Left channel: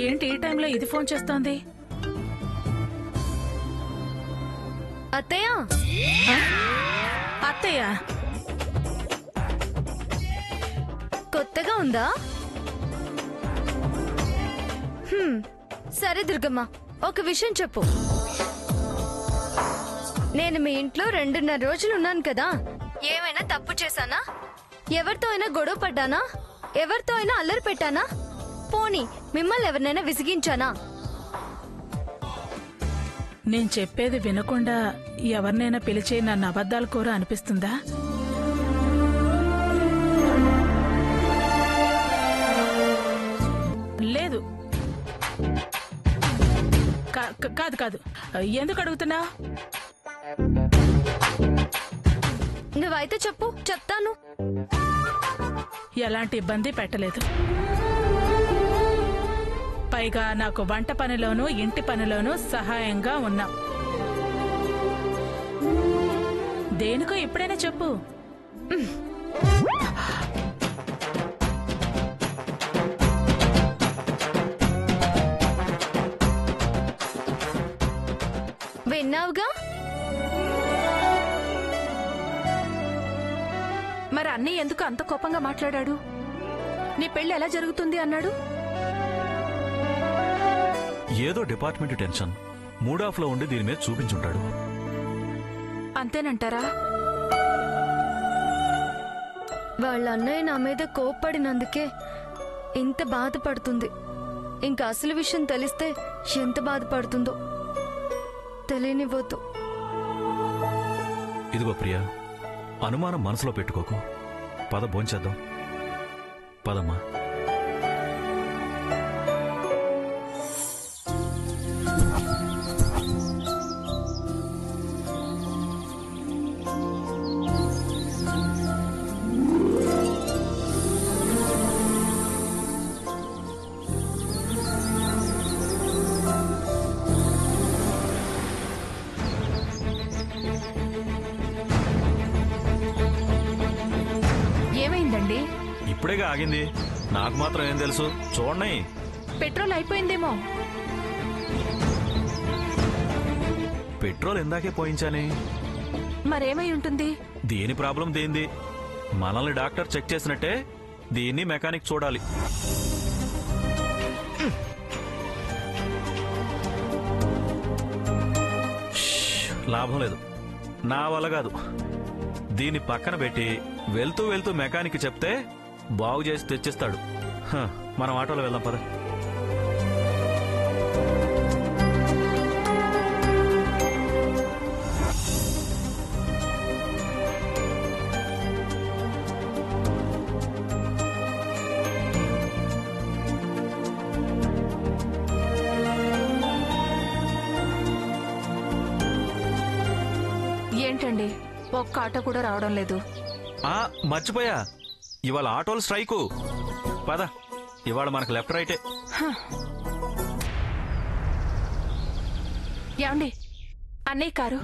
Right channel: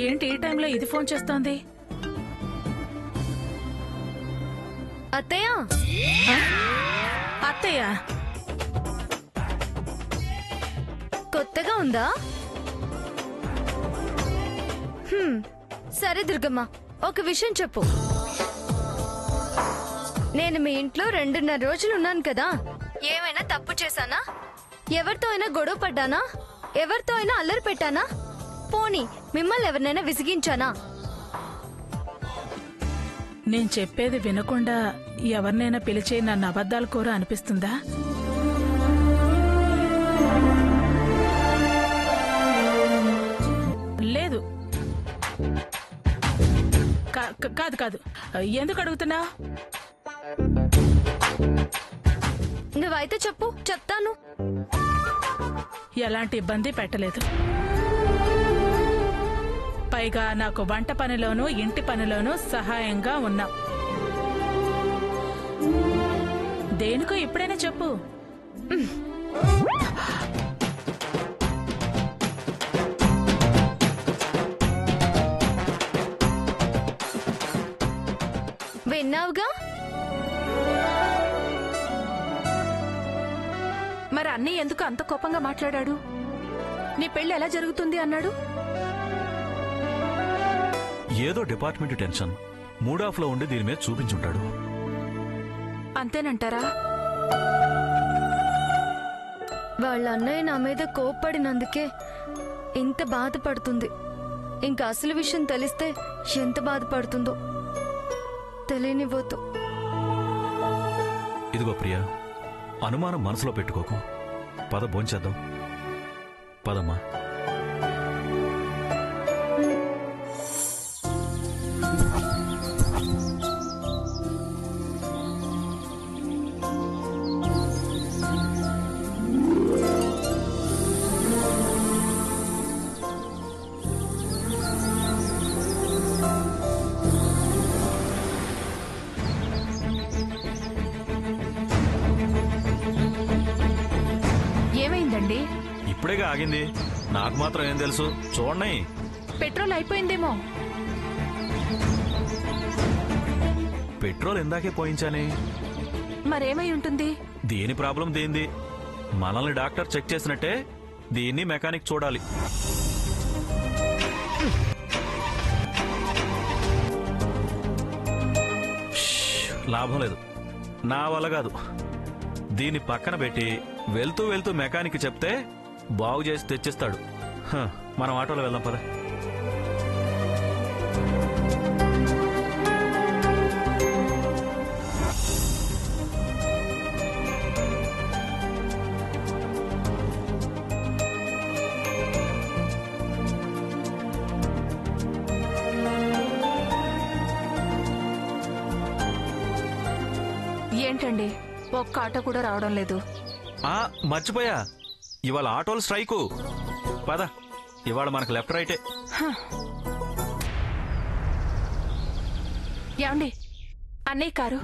ఏంటి ఈ టైంలో ఇది ఫోన్ చేస్తోంది? అత్తయ్య అత్తయ్య కొత్తగా ఉందా? సరే దుర్గమ్మ, ఒక విషయం చెప్పు. నేను మీ ఇంట్లో 2.5 రోజులు ఉన్నాను కదా, ఏమైనా తప్పు చేశానా? ఎవరితో అయినా గొడవ పడ్డానా? ఎవరితో అయినా అల్లరి పెట్టానా? పోనీ మిమ్మల్ని ఎవరినైనా విసిగించానా? నేను చెప్పేది వినకుండా ఎవరినైనా పిలిచి నన్ను అబద్ధాలు కోర అనిపిస్తుందా? లేదు. కాదు కాదు. ఎందుకు అడుగుతున్నా? నువ్వైతే చెప్పు, చెప్తాను. ఎలాంటి ఇబ్బంది పెట్టలేదు. పైగా నాకు వంట పనిలోనూ ఇంటి పనిలోనూ సహాయంగా ఉన్నావు. దేనికో ఇప్పుడైనా చెప్పు. విన్నావుగా? మరి అన్నయ్య ఎందుకు అంత కోపంగా మాట్లాడాడు? నీ పెళ్లి ఎలా జరుగుతుంది అన్నాడు? ఏదో డిపార్ట్మెంట్ టెన్షన్, మూడ్ ఆఫ్ లో ఉండి దీని మీద చూపించుంటాడు. అంతేనంటారా? వాళ్ళ అన్నయ్య నా మీద కోప్పడినందుకే ఇంత బాధపడుతుంది. ఇంకా అసలు విషయం తెలిస్తే ఎంత బాధపడుతుందో తెలియనివ్వద్దు. ఇదిగో ప్రియా, అనుమానం మనసులో పెట్టుకోకు. పద భోంచేద్దాం. పదమ్మా. ఏమైందండి? ఇప్పుడేగా ఆగింది. నాకు మాత్రం ఏం తెలుసు? చూడండి. పెట్రోల్ అయిపోయిందేమో. పెట్రోల్ ఇందాకే పోయించానే. మరేమై ఉంటుంది? దీని ప్రాబ్లం దేంది? మనల్ని డాక్టర్ చెక్ చేసినట్టే దీన్ని మెకానిక్ చూడాలి. లాభం లేదు, నా వల్ల కాదు. దీన్ని పక్కన పెట్టి వెళ్తూ వెళ్తూ మెకానిక్ చెప్తే బాగు చేసి తెచ్చిస్తాడు. మనం ఆటోలో వెళ్దాం పద. ఏంటండి, ఒక్క ఆటో కూడా రావడం లేదు? మర్చిపోయా, ఇవాళ ఆటోలు స్ట్రైకు. పద, ఇవాళ మనకు లెఫ్ట్ రైటే. ఏమండి, అన్నయ్య కారు.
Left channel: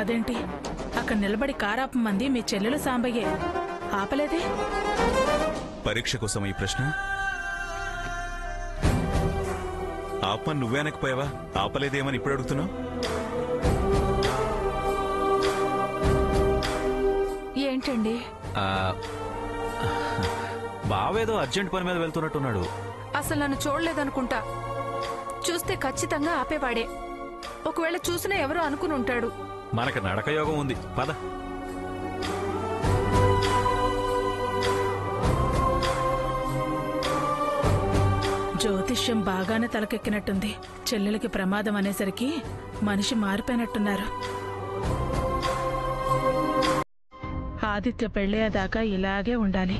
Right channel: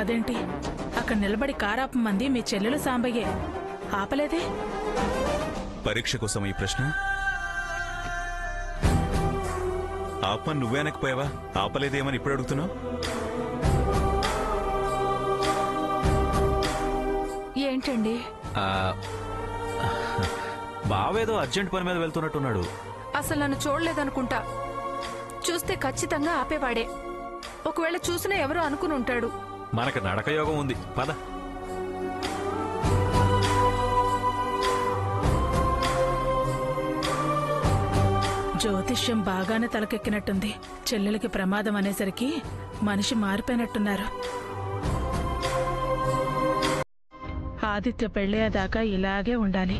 అదేంటి అక్కడ నిలబడి కారాపమంది మీ చెల్లెలు సాంబయ్యే, ఆపలేదే? పరీక్ష కోసం ఈ ప్రశ్న? ఆపమని నువ్వే అనకపోయావా? ఆపలేదేమని ఇప్పుడు అడుగుతున్నావు? ఏంటండి? బావేదో అర్జెంట్ పని మీద వెళ్తున్నట్టున్నాడు. అసలు నన్ను చూడలేదనుకుంటా. చూస్తే ఖచ్చితంగా ఆపేవాడే. ఒకవేళ చూసినా ఎవరో అనుకుని ఉంటాడు. మనకు నడక యోగం ఉంది, పద. జ్యోతిష్యం బాగానే తలకెక్కినట్టుంది. చెల్లెలకి ప్రమాదం అనేసరికి మనిషి మారిపోయినట్టున్నారు. ఆదిత్య పెళ్ళేదాకా ఇలాగే ఉండాలి.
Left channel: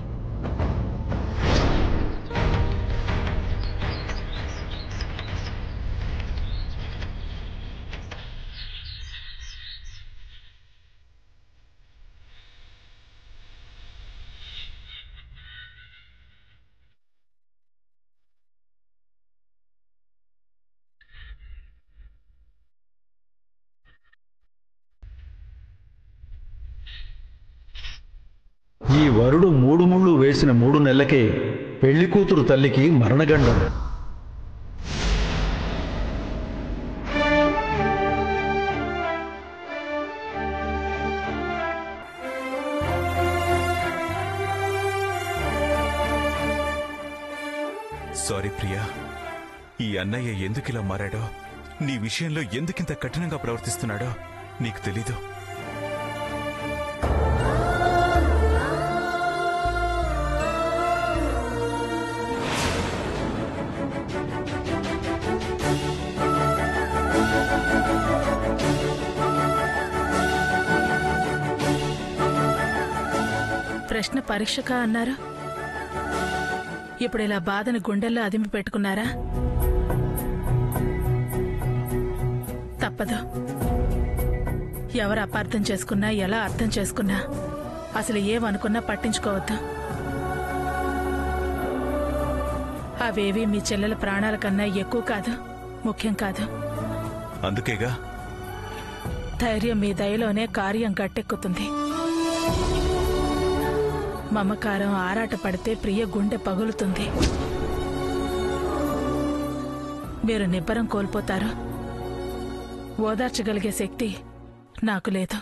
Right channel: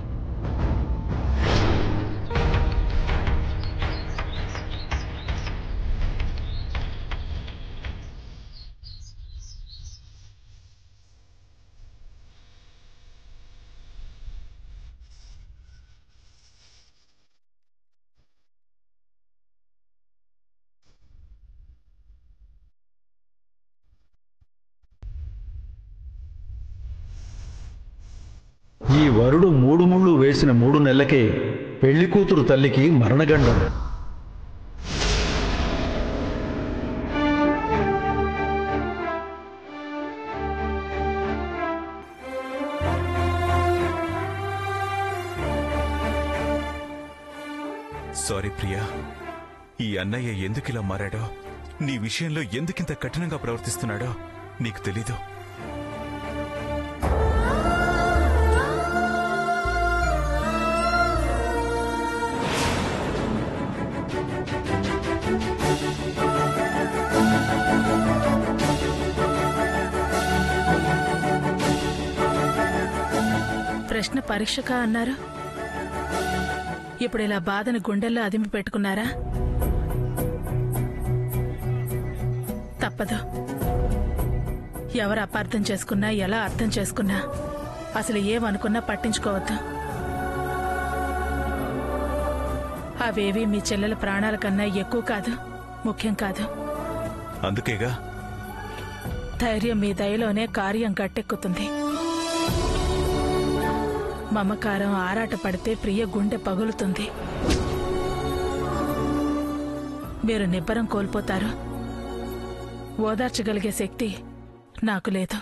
ఈ వరుడు 3 ముళ్ళు వేసిన 3 నెలలకే పెళ్లి కూతురు తల్లికి మరణగండం. సారీ ప్రియా, ఈ అన్నయ్య ఎందుకిలా మారాడో, నీ విషయంలో ఎందుకింత కఠినంగా ప్రవర్తిస్తున్నాడో నీకు తెలీదు. ప్రశ్న పరీక్షగా అన్నారు. ఇప్పుడు ఇలా బాధని గుండెల్లో అదిమి పెట్టుకున్నారా? తప్పదు. ఎవరు అపార్థం చేసుకున్నా, ఎలా అర్థం చేసుకున్నా, అసలు ఏమనుకున్నా పట్టించుకోవద్దు. అవేవి మీ చెల్లెల ప్రాణాల కన్నా ఎక్కువ కాదు, ముఖ్యం కాదు. అందుకేగా ధైర్యం మీ దయలోనే కార్యం గట్టెక్కుతుంది. మమకారం ఆరాట పడితే ప్రియ గుండె పగులుతుంది. మీరు నిబ్బరం కోల్పోతారు. ఓదార్చగలిగే శక్తి నాకు లేదు.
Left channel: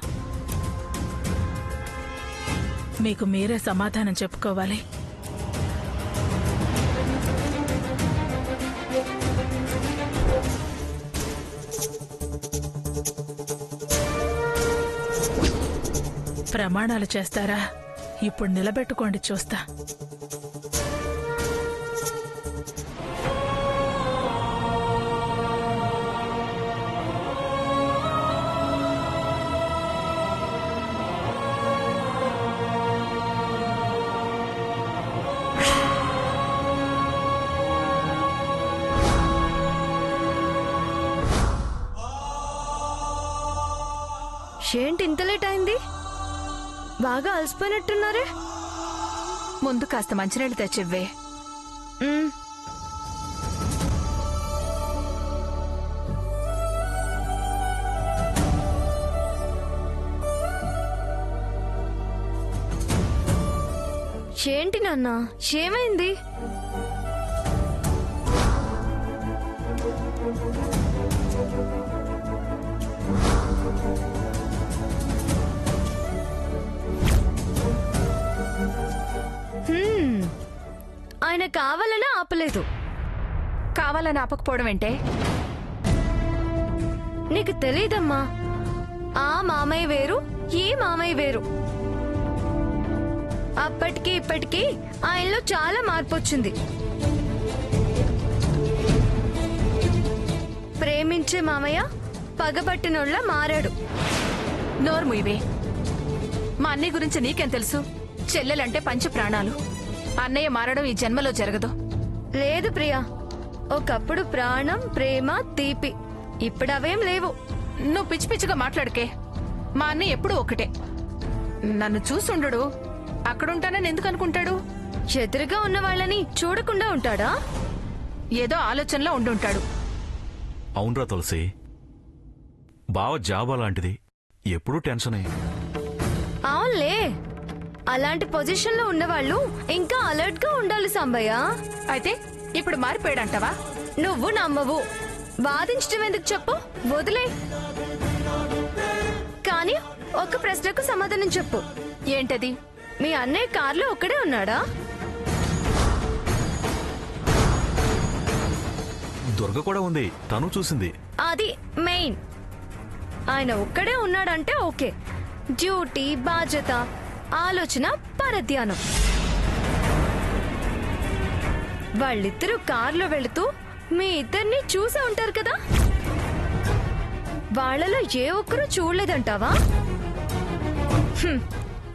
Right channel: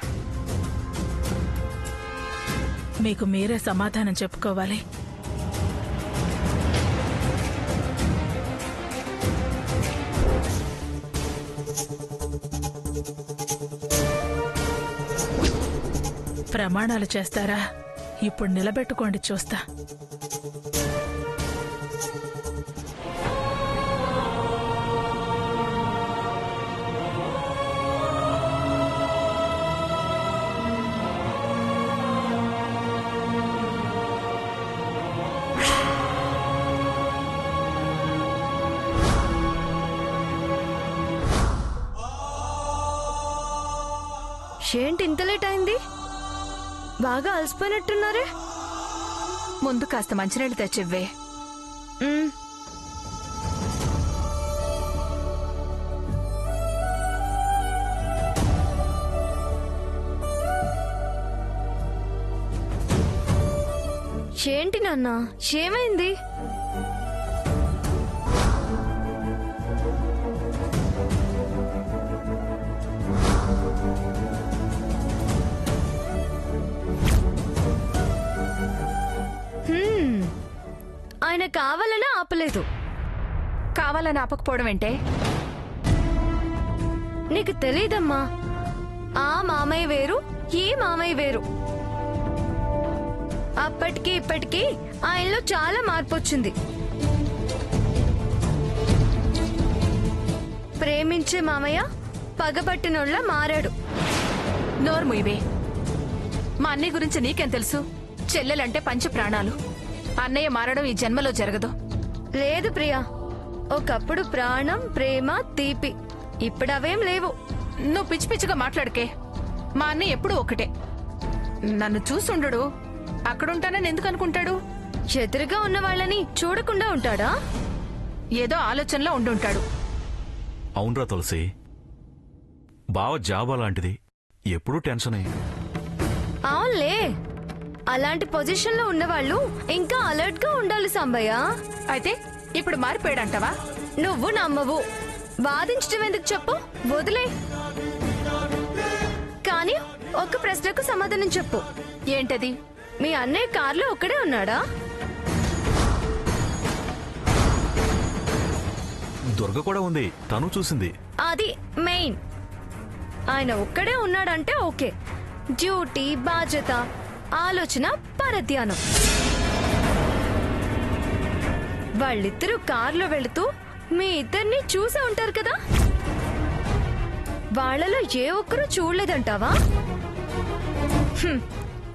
మీకు మీరే సమాధానం చెప్పుకోవాలి. ప్రమాణాలు చేస్తారా? ఇప్పుడు నిలబెట్టుకోండి, చూస్తా. ఏంటి ఇంత లేట్ అయింది? బాగా అలసిపోయినట్టున్నారే. ముందు కాస్త మంచినీళ్ళు తెచ్చివ్వే. ఏంటి నాన్న, ఏమైంది? ఆయన కావాలని ఆపలేదు. కావాలని ఆపకపోవడం ఏంటే? నీకు తెలీదమ్మా, ఆ మామయ్య వేరు, ఈ మామయ్య వేరు. అప్పటికి ఇప్పటికీ ఆయనలో చాలా మార్పు వచ్చింది. ప్రేమించే మామయ్య పగబట్టినోళ్ళ మారాడు. నోర్ము ఇవే. మా అన్నయ్య గురించి నీకేం తెలుసు? చెల్లెలంటే పంచ ప్రాణాలు. అన్నయ్య మారడం ఈ జన్మలో జరగదు. లేదు ప్రియా, ఒకప్పుడు ప్రాణం, ప్రేమ, తీపి. ఇప్పుడు అవేం లేవు. నువ్వు పిచ్చి పిచ్చిగా మాట్లాడుకే. మా అన్నయ్య ఎప్పుడూ ఒకటే. నన్ను చూసుండడు, అక్కడుంటానని ఎందుకు అనుకుంటాడు? ఎదురుగా ఉన్న వాళ్ళని చూడకుండా ఉంటాడా? ఏదో ఆలోచనలో ఉండుంటాడు. అవునరా తులసి, బావ జాబ్ అలాంటిది, ఎప్పుడూ టెన్షనే. అవునులే, అలాంటి పొజిషన్ లో ఉన్నవాళ్ళు ఇంకా అలర్ట్ గా ఉండాలి సాంబయ్య. అయితే ఇప్పుడు మారిపోయాడంటావా? నువ్వు నమ్మవు. వాదించడం ఎందుకు చెప్పు, వదిలే. కానీ ఒక ప్రశ్నకు సమాధానం చెప్పు. ఏంటది? మీ అన్నయ్య కార్లో ఒక్కడే ఉన్నాడా? దుర్గ కూడా ఉంది, తను చూసింది. అది మెయిన్. ఆయన ఒక్కడే ఉన్నాడంటే ఓకే. డ్యూటీ, బాధ్యత, ఆలోచన, పరధ్యానం. వాళ్ళిద్దరూ కార్లో వెళుతూ మీ ఇద్దరిని చూసే ఉంటారు కదా. వాళ్లలో ఏ ఒక్కరూ చూడలేదంటావా?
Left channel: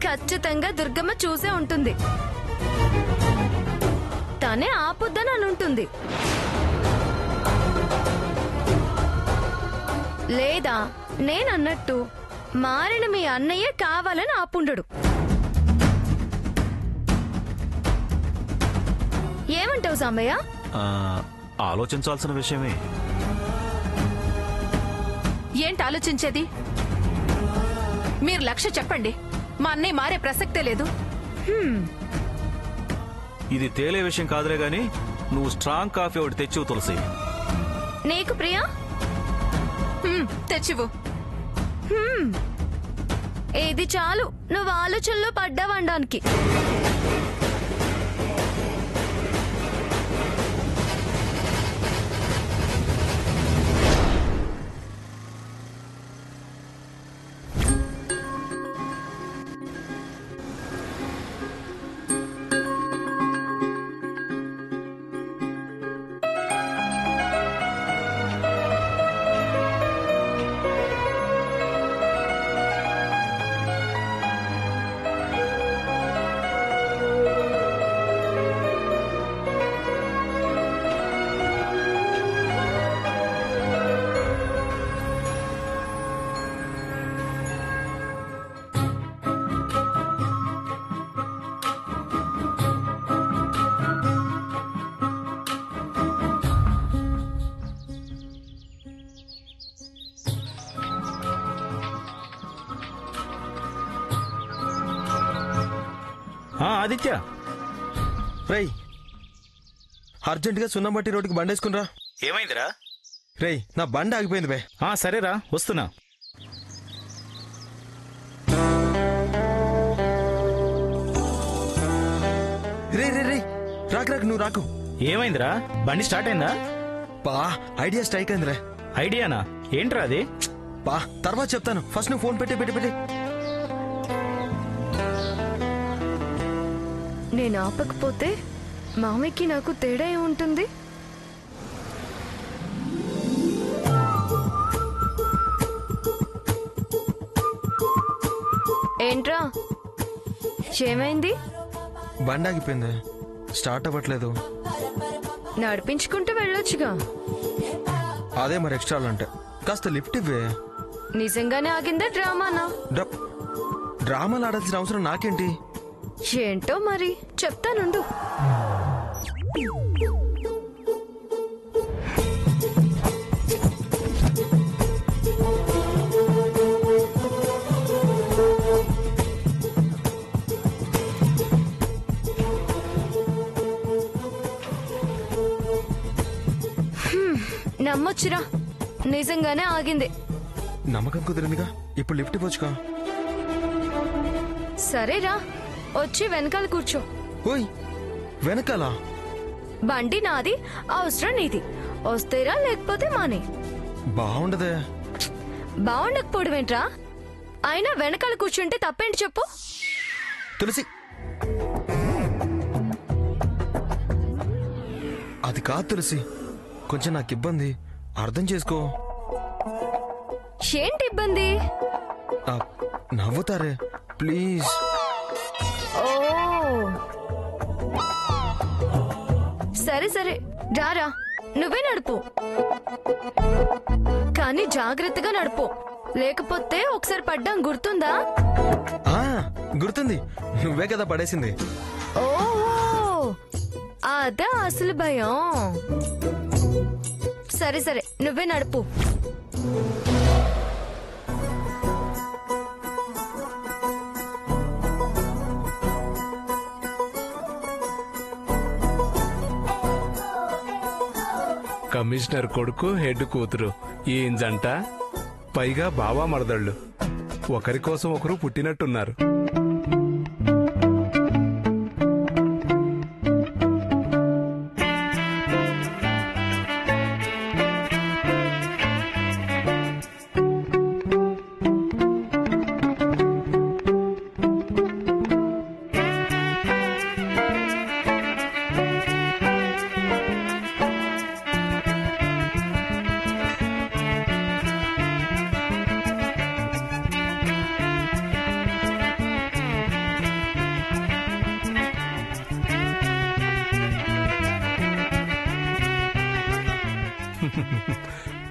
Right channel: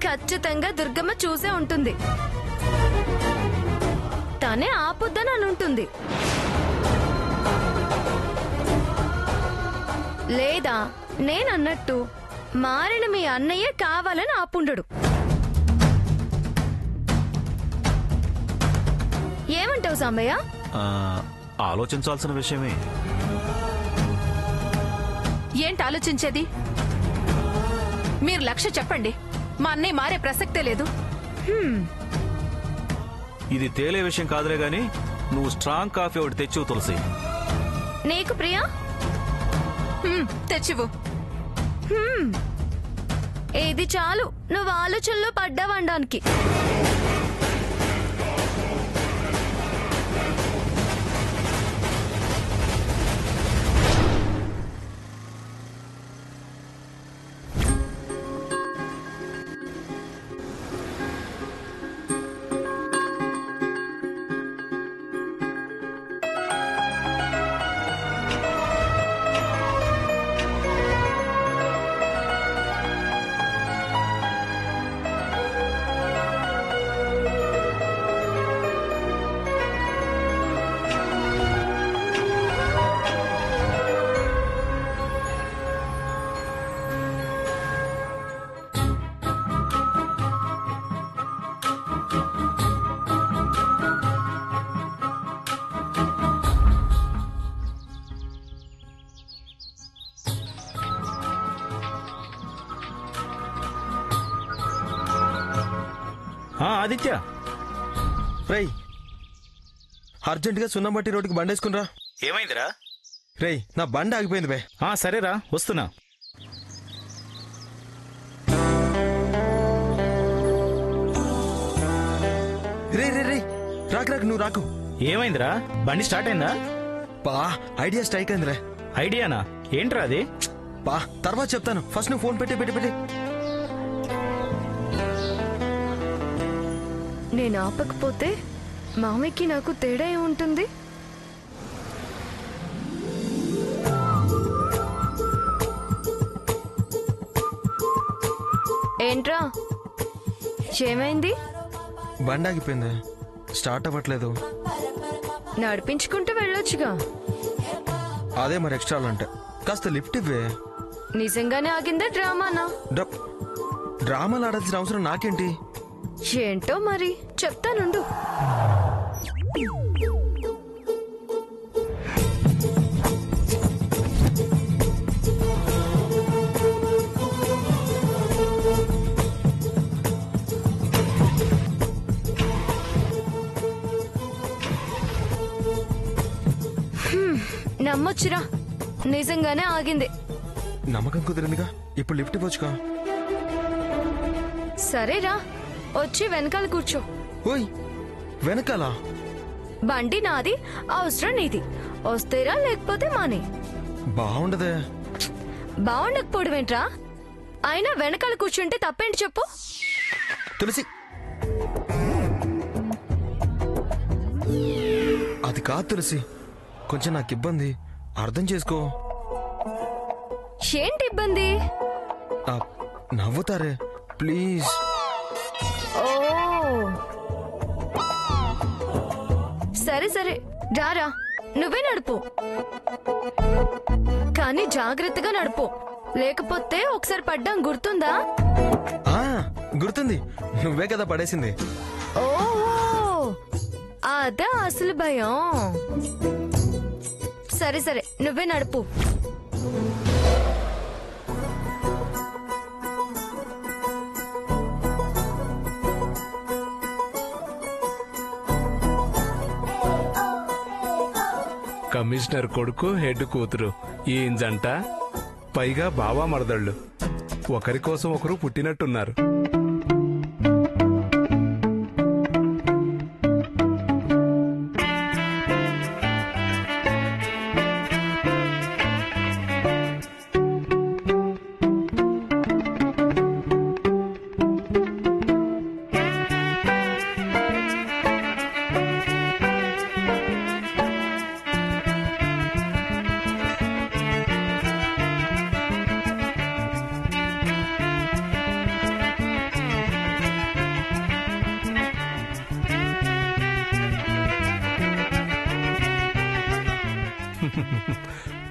ఖచ్చితంగా దుర్గమ్మ చూసే ఉంటుంది. తనే ఆపుద్దని అని ఉంటుంది. లేదా నేనన్నట్టు మారిన మీ అన్నయ్య కావాలని ఆపుండడు. ఏమంటావు సాంబయ్య? ఆలోచించాల్సిన విషయమే. ఏంటి ఆలోచించేది? మీరు లక్ష్య చెప్పండి. మా అన్నయ్య మారే ప్రసక్తే లేదు. ఇది తేలే విషయం కాదులే గాని నువ్వు స్ట్రాంగ్ కాఫీ ఒకటి తెచ్చివు తులసి. నీకు ప్రియా? తెచ్చివు. ఇది చాలు నువ్వు ఆలోచనలో పడ్డావనడానికి. ఆదిత్య, రేయ్ అర్జెంటుగా సున్నబట్టి రోడ్డుకి బండేసుకునిరా. ఏమైందిరా? రేయ్ నా బండి ఆగిపోయింది బే. సరేరా వస్తున్నా. రే రే రే రాకు రాకు, నువ్వు రాకు. ఏమైందిరా? బండి స్టార్ట్ అయిందా? పా ఐడియా స్ట్రైక్ అయిందిరే. ఐడియానా? ఏంట్రా అది? పా తర్వాత చెప్తాను, ఫస్ట్ నువ్వు ఫోన్ పెట్టి. నేను ఆపకపోతే మామయ్యకి నాకు తేడా ఏముంటుంది? ఏంట్రా ఏమైంది? బండి ఆగిపోయింది, స్టార్ట్ అవ్వట్లేదు. నడిపించుకుంటూ వెళ్ళొచ్చుగా. అదే మరి ఎక్స్ట్రా అంటే కాస్త లిఫ్ట్ ఇవ్వే. నిజంగానే ఆగిందా డ్రామానా? డ్రామాలు ఆడాల్సిన అవసరం నాకేంటి? ఏంటో మరి చెప్తానుండు. నమ్మొచ్చురా, నిజంగానే ఆగింది. నమ్మకం కుదిరిందిగా, ఇప్పుడు లిఫ్ట్ ఇవ్వచ్చుగా. సరేరా, వచ్చి వెనకాల కూర్చో. ఓయ్ వెనకాల? బండి నాది, అవసరం నీది. వస్తేరా లేకపోతే మానే. బాగుండదే. బాగుండకపోవడం ఏంట్రా? అయినా వెనకాల కూర్చుంటే తప్పేంటి చెప్పు? తులసి అది కాదు తులసి, కొంచెం నాకు ఇబ్బంది, అర్థం చేసుకో. ఏంటి ఇబ్బంది? నవ్వుతారే ప్లీజ్. ఓ సరే సరే రారా, నువ్వే నడుపు. కానీ జాగ్రత్తగా నడుపు, లేకపోతే ఒకసారి పడ్డాం గుర్తుందా? గుర్తుంది, నువ్వే కదా పడేసింది. ఓహో అదా అసలు భయం. సరే సరే నువ్వే నడుపు. కమిషనర్ కొడుకు హెడ్ కూతురు ఏం జంట, పైగా బావా మరదళ్ళు. ఒకరి కోసం ఒకరు పుట్టినట్టున్నారు.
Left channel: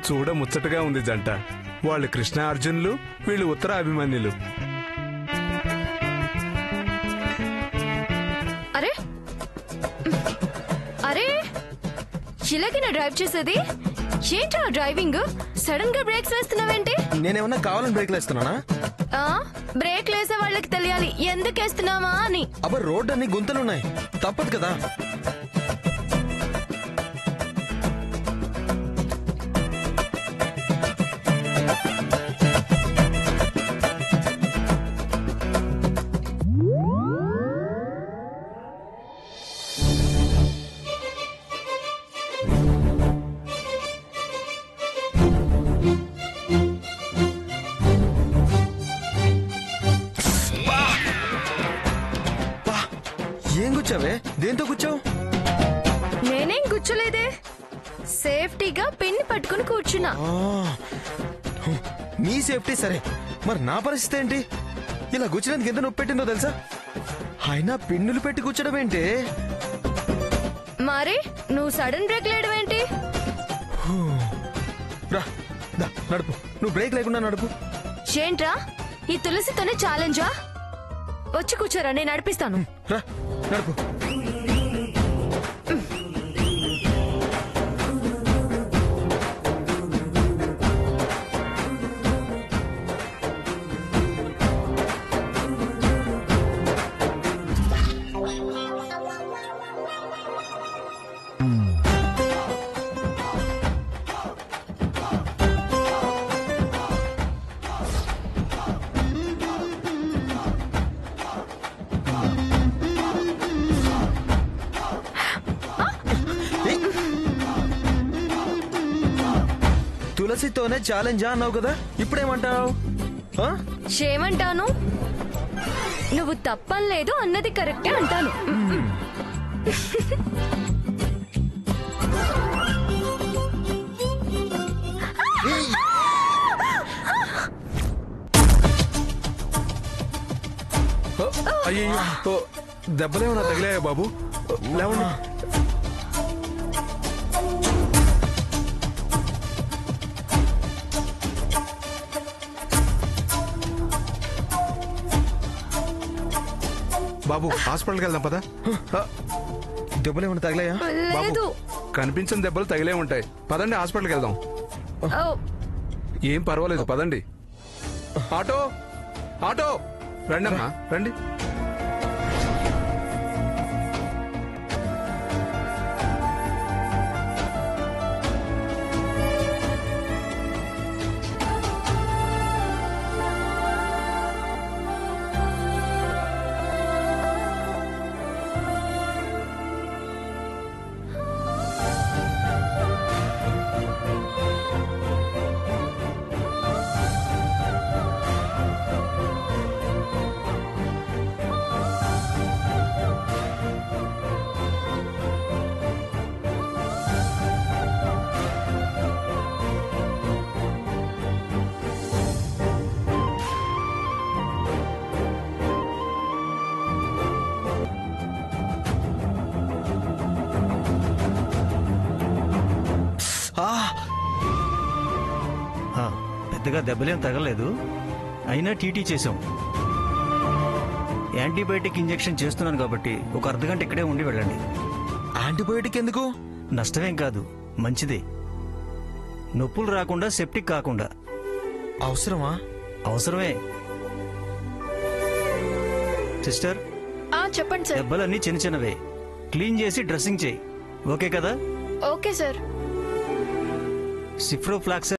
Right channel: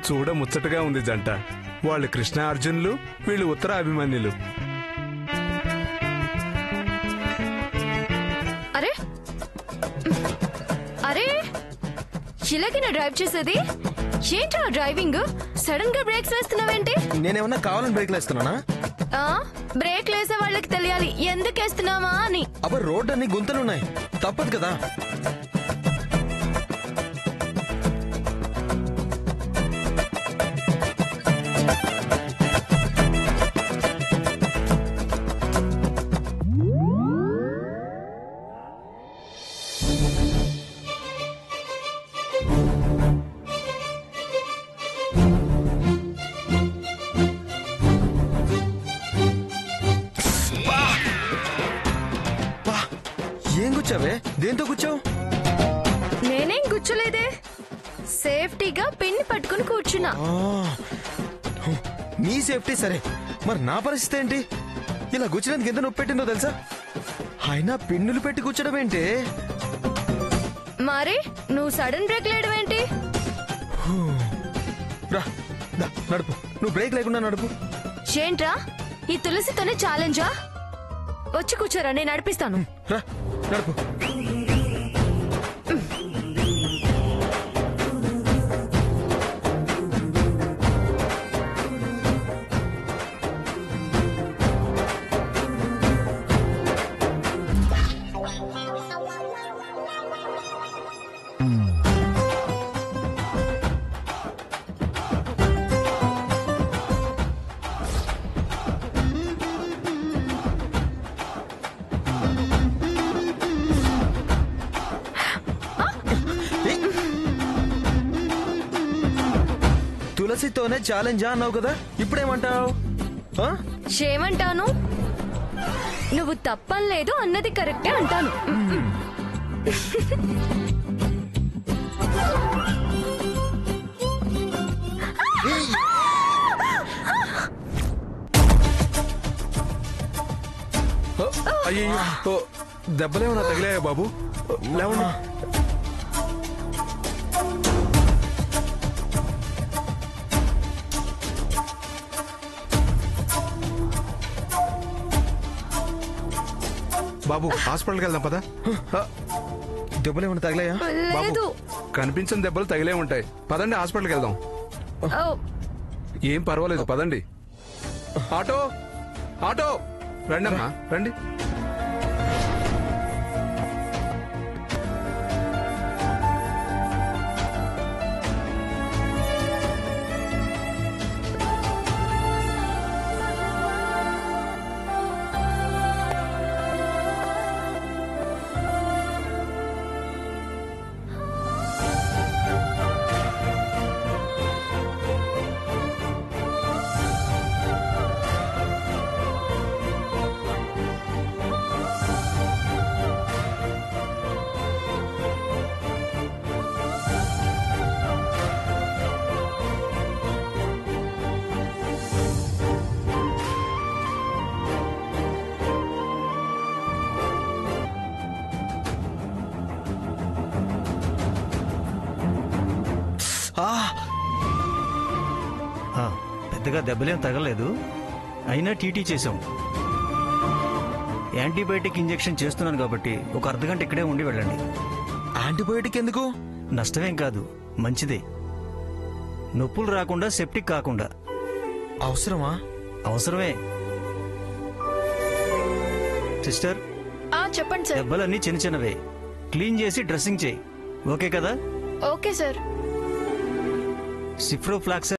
చూడ ముచ్చటగా ఉంది జంట. వాళ్ళు కృష్ణ అర్జునులు, వీళ్ళు ఉత్తర అభిమన్యులు. అరే అరే ఇలాగేనా డ్రైవ్ చేసేది? ఏంట్రా డ్రైవింగ్? సడన్ గా బ్రేక్స్ వేస్తున్నావేంటి? నేనేమన్నా కావాలని బ్రేక్లు వేస్తున్నానా? బ్రేక్ వేసే వాళ్ళకి తెలియాలి ఎందుకు వేస్తున్నావా అని. అబ్బా రోడ్ అన్ని గుంతలున్నాయి, తప్పదు కదా. ఏం కూర్చావే? దేంతో కూర్చావు? నేనేం కూర్చోలేదే, సేఫ్టీగా పిన్ పట్టుకుని కూర్చున్నా. నీ సేఫ్టీ సరే, మరి నా పరిస్థితి ఏంటి? ఇలా కూర్చునేందుకు ఎంత నొప్పి పెట్టిందో తెలుసా? అయినా పిన్నులు పెట్టి కూర్చోడం ఏంటి? మరి నువ్వు సడన్ బ్రేక్ లేయడం ఏంటి? రా దా, నడుపు. నువ్వు బ్రేక్ లేకుండా నడుపు. ఏంట్రా ఈ తులసితోనే ఛాలెంజా? వచ్చి కూర్చోరా, నేను నడిపిస్తాను. రా నడుపు. తులసితోనే ఛాలెంజా అన్నావు కదా, ఇప్పుడేమంటావు? ఏమంటాను? నువ్వు తప్పలేదు అన్నది కరెక్టే అంటాను. అయ్యో, దెబ్బలేమన్నా తగిలాయా బాబు? లేవన్నా. బాబు హాస్పిటల్కి వెళ్దాం పదా. దెబ్బలు ఏమైనా తగిలాయా? లేదు. కనిపించిన దెబ్బలు తగిలే ఉంటాయి, పదండి హాస్పిటల్కి వెళ్దాం. ఏం పర్వాలేదు, పదండి. ఆటో ఆటో రండి అమ్మా, రండి. పెద్దగా దెబ్బలేం తగలేదు, అయినా టీటీ చేశాం. యాంటీబయాటిక్ ఇంజెక్షన్ చేస్తున్నాను కాబట్టి ఒక అర్ధగంట ఇక్కడే ఉండి వెళ్ళండి. యాంటీబయాటిక్ ఎందుకు? నష్టమేం కాదు, మంచిదే. నొప్పులు రాకుండా, సెప్టిక్ కాకుండా. అవసరమా? అవసరమే. సిస్టర్, చెప్పండి సార్. దెబ్బలన్నీ చిన్న చిన్నవే, క్లీన్ చేసి డ్రెస్సింగ్ చేయి. ఓకే కదా? Okay sir. సిఫ్రోఫ్లాక్స్